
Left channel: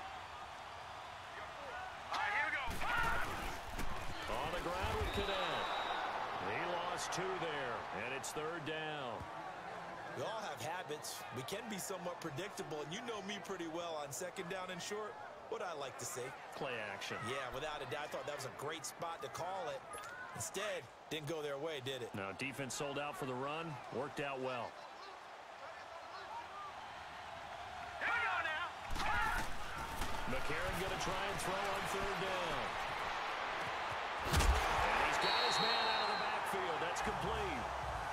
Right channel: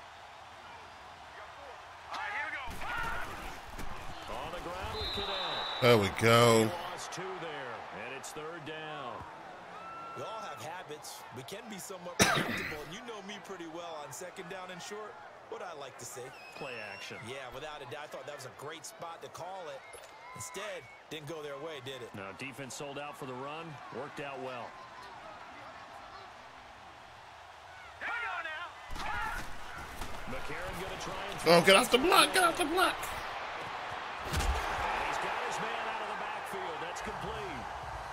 All right, here we go. On the ground with Cadet. There we go. He lost 2 there, and it's third down. We all have habits. We can be somewhat predictable, and you know me pretty well on second down and short. What I like to see. Play action. Yeah, without a doubt, I thought that was a great spot to call it. Instead, didn't go their way, did it? No, defense sold out for the run. Worked out well. Here we go now. McCarron going to try and throw. Oh, get off the block. Get off the block. And he's got his man out of the backfield. That's complete.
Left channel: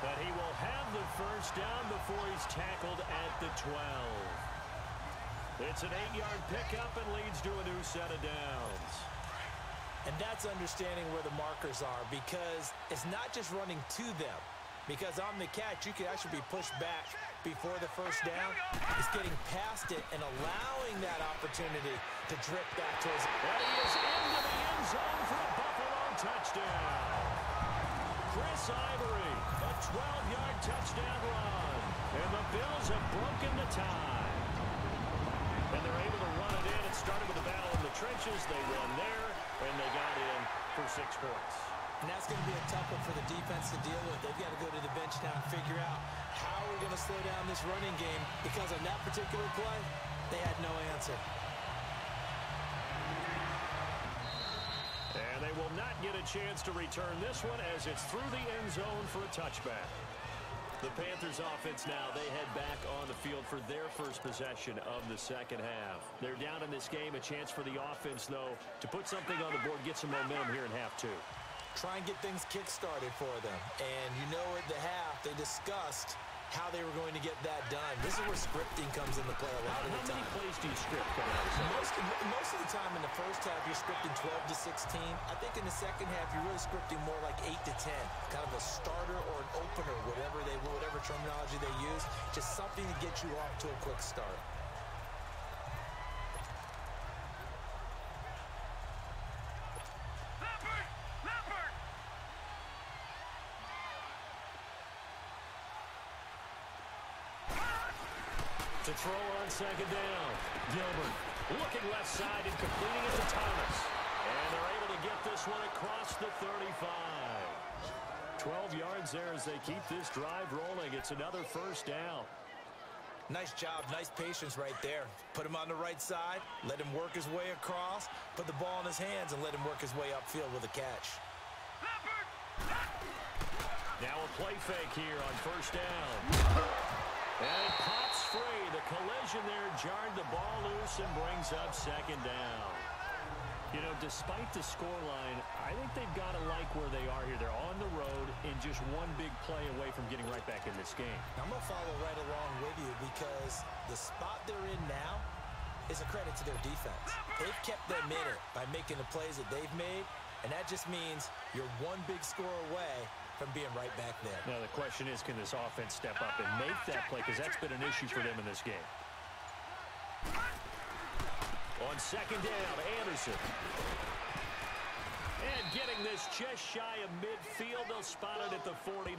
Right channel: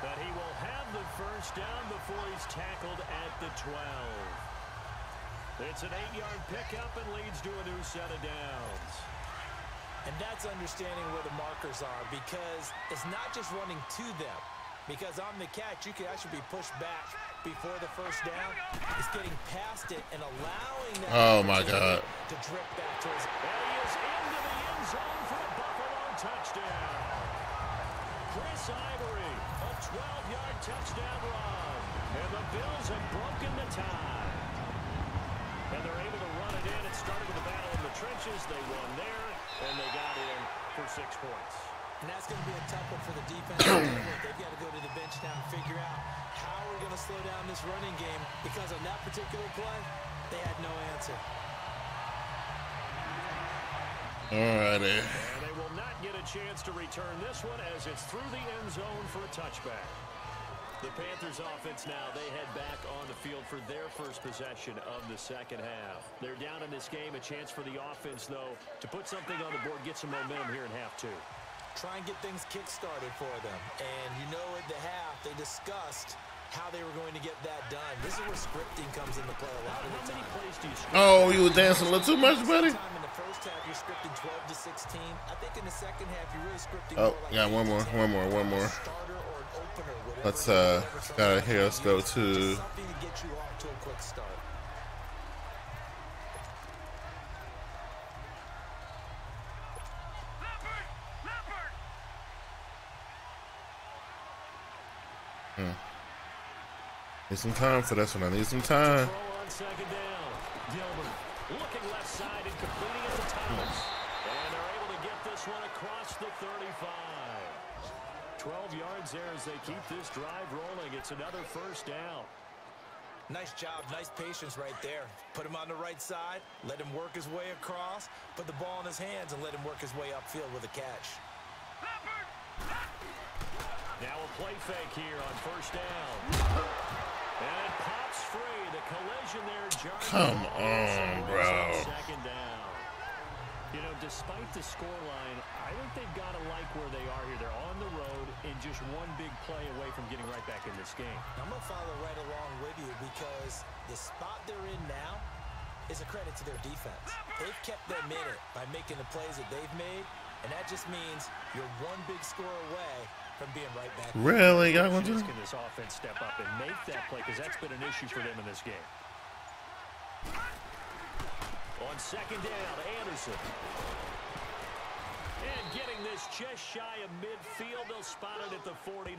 But he will have the first down before he's tackled at the 12. It's an 8-yard pickup and leads to a new set of downs. And that's understanding where the markers are, because it's not just running to them. Because on the catch, you could actually be pushed back before the first down. It's getting past it and allowing that opportunity to drip back towards it. And he is into the end zone for a Buffalo touchdown. Chris Ivory, a 12-yard touchdown run. And the Bills have broken the tie. And they're able to run it in. It started with a battle in the trenches. They won there, and they got in for 6 points. And that's going to be a tough one for the defense to deal with. They've got to go to the bench now and figure out how we're going to slow down this running game, because on that particular play, they had no answer. Alrighty. And they will not get a chance to return this one as it's through the end zone for a touchback. The Panthers offense now, they head back on the field for their first possession of the second half. They're down in this game. A chance for the offense, though, to put something on the board, get some momentum here in half 2. Try and get things kick-started for them. And you know, at the half, they discussed how they were going to get that done. This is where scripting comes into play a lot of the time. How many plays do you script? Oh, you were dancing a little too much, buddy. Time in the first half, you're scripting 12 to 16. I think in the second half, you're really scripting Oh, more like yeah, one more. a starter or an opener, whatever. Let's let's go to. Just something to get you off to a quick start. Need some time for this one. I need some time. Throw on second down. Gilbert looking left side and completing it to Thomas. And they're able to get this one across the 35. 12 yards there as they keep this drive rolling. It's another first down. Nice job, nice patience right there. Put him on the right side, let him work his way across, put the ball in his hands, and let him work his way upfield with a catch. Now a play fake here on first down. And it pops free. The collision there jarring the ball loose and brings up second down. You know, despite the scoreline, I think they've got to like where they are here. They're on the road and just one big play away from getting right back in this game. I'm going to follow right along with you because the spot they're in now is a credit to their defense. They've kept them in it by making the plays that they've made, and that just means you're one big score away from being right back. Really? The question is, can this offense step up and make that play? Because that's been an issue for them in this game. On second down, Anderson. And getting this just shy of midfield, they'll spot it at the 49.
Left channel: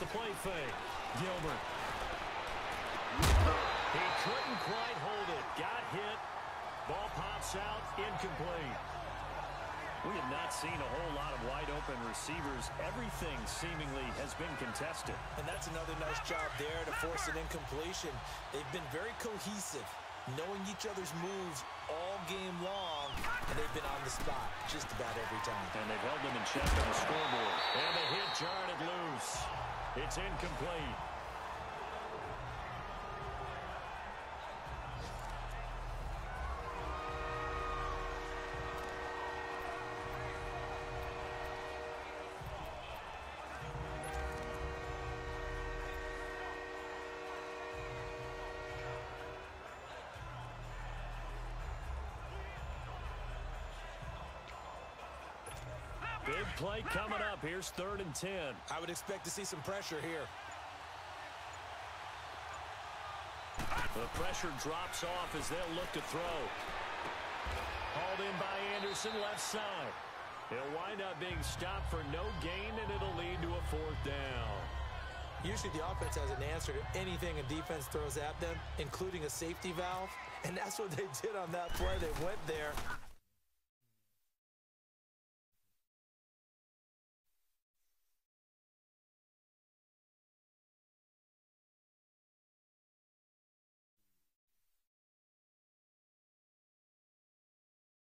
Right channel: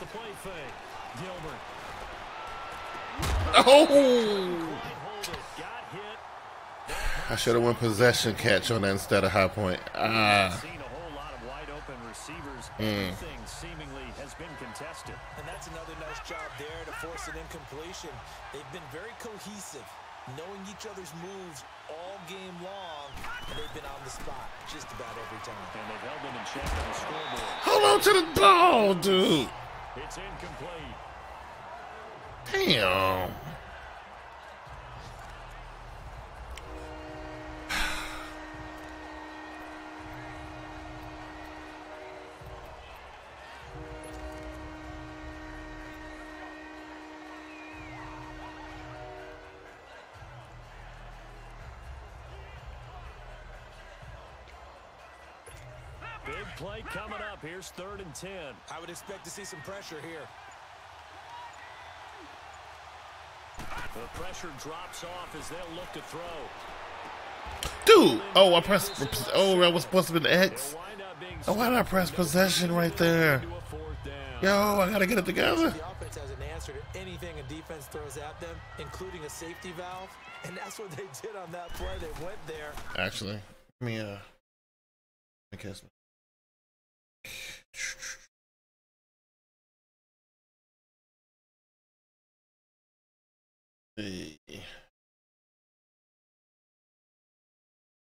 The play fake. Gilbert. Oh! Quite hold it. Got hit. I should have won possession catch on that instead of high point. I've seen a whole lot of wide open receivers. Everything seemingly has been contested. And that's another nice job there to force an incompletion. They've been very cohesive, knowing each other's moves all game long, and they've been on the spot just about every time. And they've held them in check on the scoreboard. Hold on to the ball, dude. It's incomplete. Damn. Big play coming up. Here's 3rd and 10. I would expect to see some pressure here. The pressure drops off as they'll look to throw. Dude, oh, I pressed. Oh, that was supposed to be the X. Oh, why did I press possession right there? Yo, I gotta get it together. The offense has an answer to anything a defense throws at them, including a safety valve, and that's what they did on that play. They went there. Actually, let me catch me.